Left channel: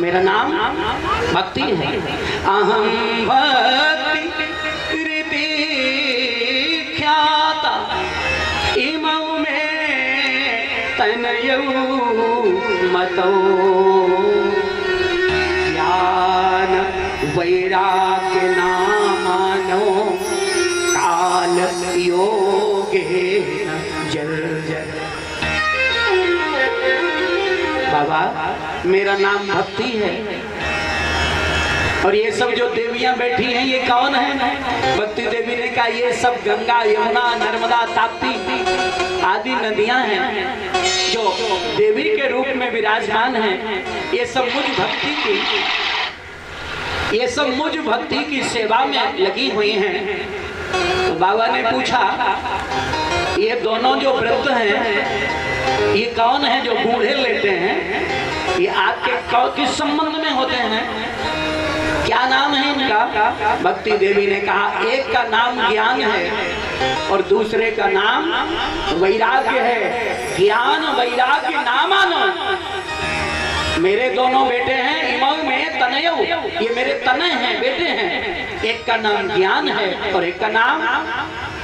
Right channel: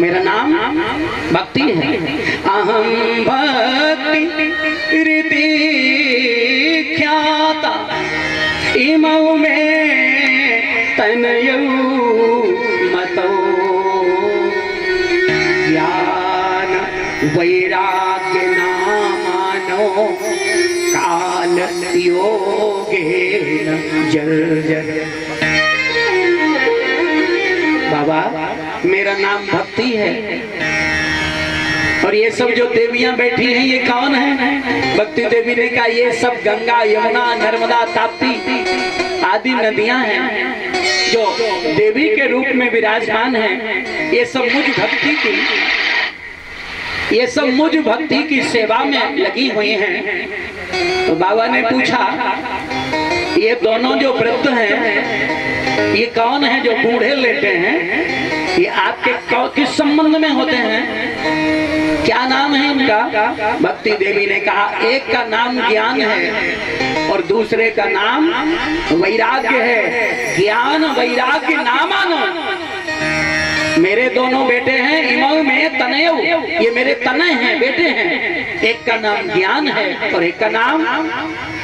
मेरा नाम भक्ति है। अहम भक्ति रीति ख्याता इमौ में तनयौ मतो ज्ञान वैराग्य नामानो काल योगेन जर्जर। बाबा मेरा नाम भक्ति है और ये सब जो देवियां बैठी हैं ये कौन है? भक्ति देवी ने कहा ये सब गंगा यमुना नर्मदा ताप्ती आदि नदियां हैं जो देवी के रूप में विराजमान हैं। ये सब मुझ भक्ति की सेवा में लगी हुई हैं। तो बाबा ने पूछा ये दोनों जो वृद्ध हैं ये कौन है जो बूढ़े लेटे हैं? ये आपके किस संबंध में होते हैं? क्या नाम है इनका? भक्ति देवी ने कहा एक का नाम ज्ञान है और दूसरे का नाम वैराग्य है। ज्ञान वैराग्य नामानो मेरे दोनों बेटे हैं। इमौ में तनयौ ये मेरे तनय हैं, बेटे हैं। एक का नाम ज्ञान है और एक का नाम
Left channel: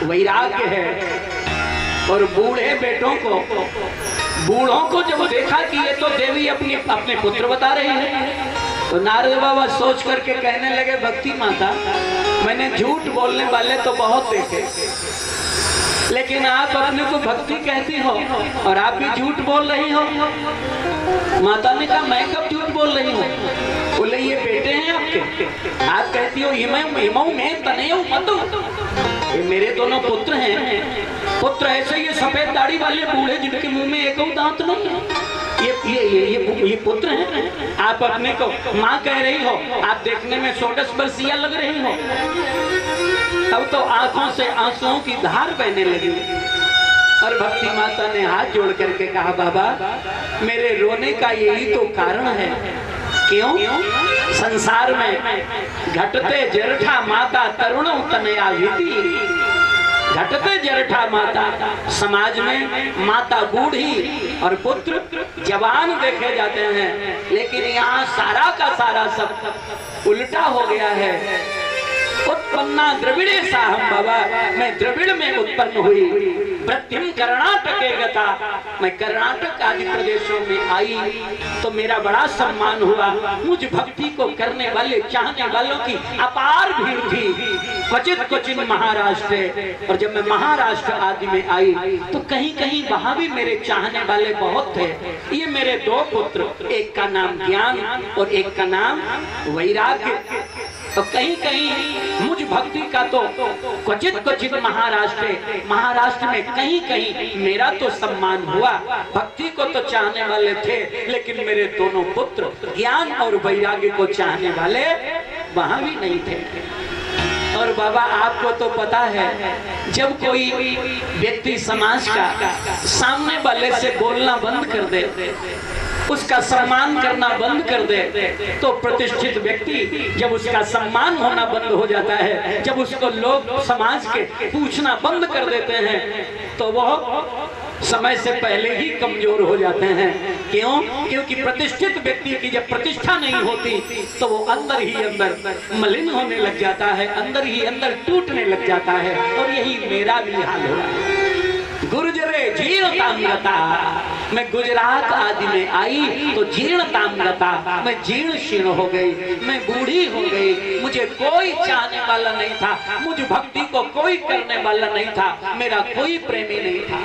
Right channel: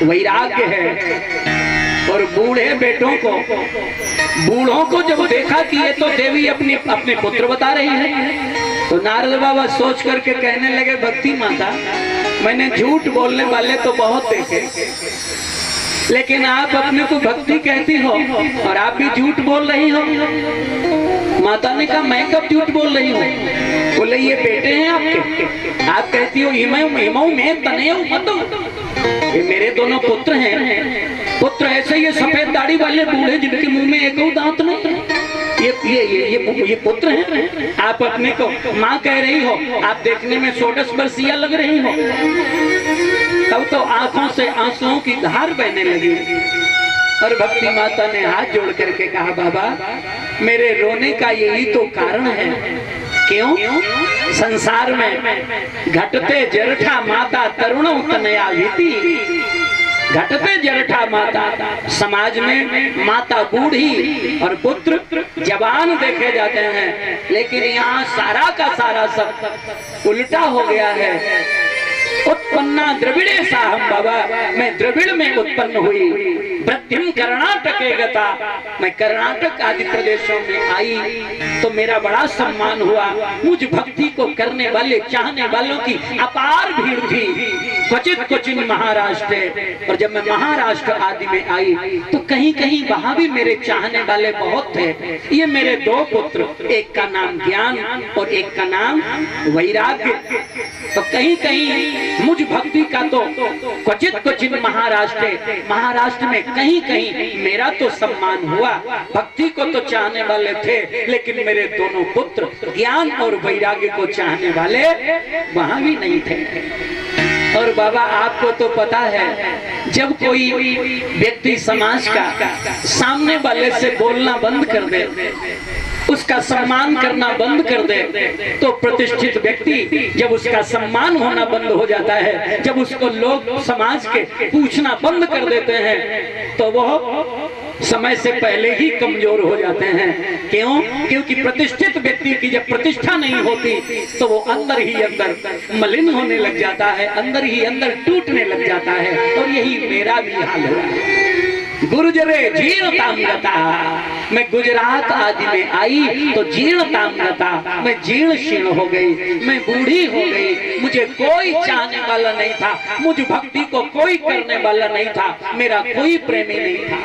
वैराग्य है। और बूढ़े बेटों को बूढ़ों को जब देखा कि ये तो देवी अपने पुत्र बता रही है तो नारद बाबा सोच करके कहने लगे भक्ति माता मैंने झूठ बोलने वाले तो बहुत देखे लेकिन आप अपने को भक्ति कहती हो और आप भी झूठ बोल रही हो। माता ने कहा मैं कब झूठ बोल रही हूँ? बोले ये बेटे हैं आपके, आप कहती हो इमौ में तनयौ मतो ये मेरे दोनों पुत्र हैं। पुत्र ऐसे ये सफेद दाढ़ी वाले बूढ़े जिनके मुंह में एक दांत नहीं, ये पुत्र हैं। आप अपने को माँ कह रही हो, आप देखने में 16 वर्षीय लग रही हो। तब तो आंखों से आंसुओं की धार बहने लगी और भक्ति माता ने हाथ जोड़ करके कहा बाबा मेरे रोने का यही तो कारण है। क्यों? संसार में घटते जरठा माता तरुणों तनया भीति। घटते जरठा माता समाज में माता बूढ़ी और पुत्र जवान देखे जाते हैं लेकिन यहाँ सारा का सारा सब उल्टा हो गया है। उत्पन्ना द्रविड़े साहम बाबा मैं द्रविड़ में उत्पन्न हुई। वृद्धिम कर्नाटके गता मैं कर्नाटक आदि प्रदेशों में आई तो मेरा बड़ा सम्मान हुआ। मुझ भक्ति को करने वाले चाहने वालों की अपार भीड़ थी। क्वचित महाराष्ट्र और जब मैं महाराष्ट्र आदि में आई तो कहीं कहीं वहां भी मेरे चाहने वाले बहुत थे। ये मेरे दो पुत्र, एक का नाम ज्ञान और एक का नाम वैराग्य। तो कहीं कहीं मुझ भक्ति का तो क्वचित महाराष्ट्र में कहीं कहीं मेरा तो सम्मान हुआ। भक्ति को तो चाहने वाले थे लेकिन मेरे दोनों पुत्र ज्ञान और वैराग्य को चाहने वाले वहां भी नहीं थे। और बाबा आपको तो पता है जब कोई व्यक्ति समाज का सामने वाले से बोलना बंद कर दे, उसका सम्मान करना बंद कर दे तो प्रतिष्ठित व्यक्ति जब उसका सम्मान होना बंद हो जाता है, जब उसको लोग समाज के पूछना बंद कर देते हैं तो वह समय से पहले ही कमजोर हो जाते हैं। क्यों? क्योंकि प्रतिष्ठित व्यक्ति की जब प्रतिष्ठा नहीं होती तो वो अंदर ही अंदर मलिन होने लग जाता है, अंदर ही अंदर टूटने लग जाता है। और यही मेरा भी हाल हुआ। गुर्जरे जीर्णताम्रता मैं गुजरात आदि में आई तो जीर्णताम्रता मैं जीर्ण शीर्ण हो गई, मैं बूढ़ी हो गई। मुझे कोई चाहने वाला नहीं था, मुझ भक्ति को कोई करने वाला नहीं था, मेरा कोई प्रेमी नहीं था।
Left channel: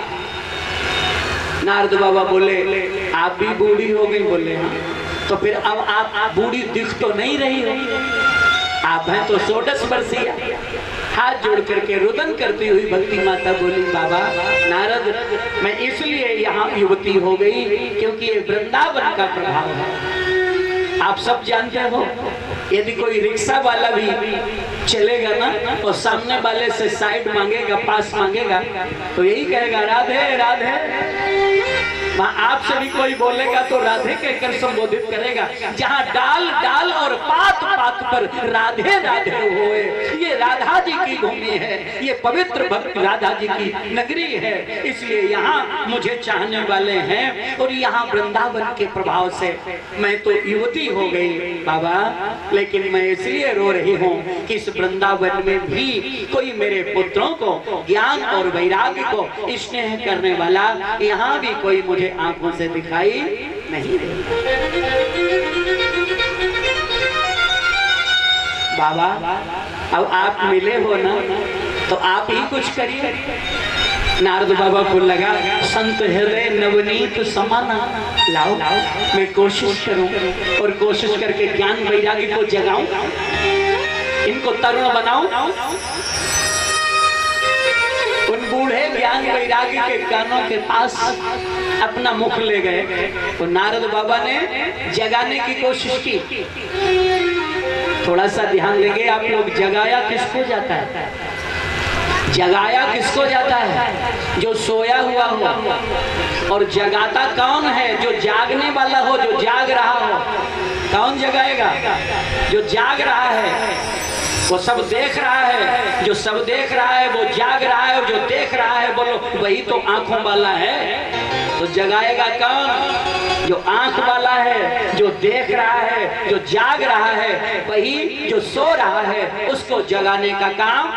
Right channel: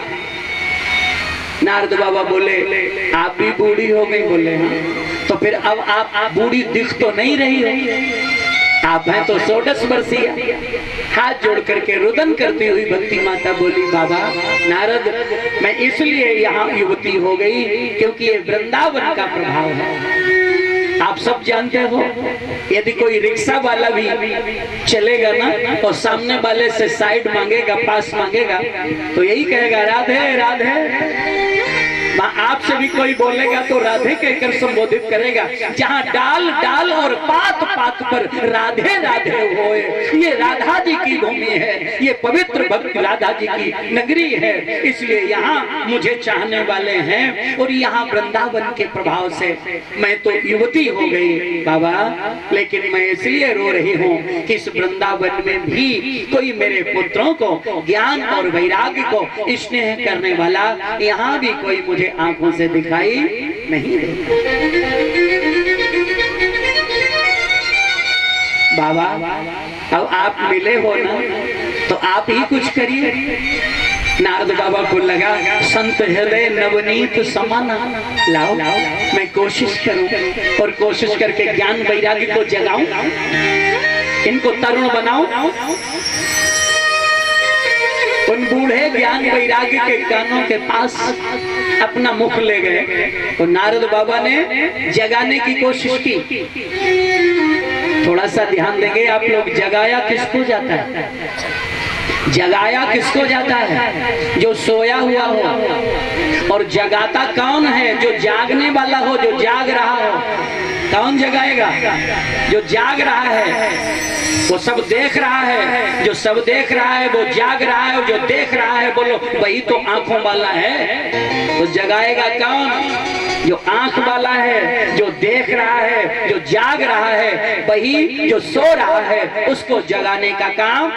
नारद बाबा बोले आप भी बूढ़ी हो गई? बोले हाँ। तो फिर अब आप बूढ़ी दिख तो नहीं रही हो, आप हैं तो 16 वर्षीय। हाथ जोड़ करके रुदन करती हुई भक्ति माता बोली बाबा नारद मैं इसलिए यहाँ युवती हो गई क्योंकि ये वृंदावन का प्रभाव है। आप सब जानते हो यदि कोई रिक्शा वाला भी चलेगा ना और सामने वाले से साइड मांगेगा, पास मांगेगा तो यही कहेगा राधे राधे। माँ आपसे भी कोई बोलेगा तो राधे कहकर संबोधित करेगा। जहाँ डाल डाल और पात पात पर राधे राधे होए, ये राधा जी की भूमि है, ये पवित्र भक्त राधा जी की नगरी है। इसलिए यहाँ मुझे चाहने वाले हैं और यहाँ वृंदावन के प्रभाव से मैं तो युवती हो गई बाबा, लेकिन मैं इसलिए रो रही हूँ कि इस वृंदावन में भी कोई मेरे पुत्रों को ज्ञान और वैराग्य को स्नेह करने वाला यहाँ भी कोई मुझे आंखों से दिखाई नहीं देता। बाबा अब आप मिले हो ना, तो आप ही कुछ करिए। नारद बाबा को लगा संत हृदय नवनीत समाना, लाओ मैं कोशिश करूं और कोशिश करके ज्ञान वैराग्य को जगाऊं, इनको तरुण बनाऊं। उन बूढ़े ज्ञान वैराग्य के कानों के पास अपना मुख ले गए और नारद बाबा ने जगाने की कोशिश की। थोड़ा सा ध्यान देंगे आप लोग, जगाया किसको जाता है? जगाया किसको जाता है? जो सोया हुआ हो। और जगाता कौन है? जो जागने वाला हो, जो जाग रहा हो। कौन जगाएगा? जो जाग रहा है, वो सब देख रहा है। जो सब देख रहा है वो जाग रहा है, और जो देख रहा है बोलो वही तो आंखों वाला है। तो जगाएगा कौन? जो आंख वाला है, जो देख रहा है, जो जाग रहा है, वही जो सो रहा है उसको जगाने का काम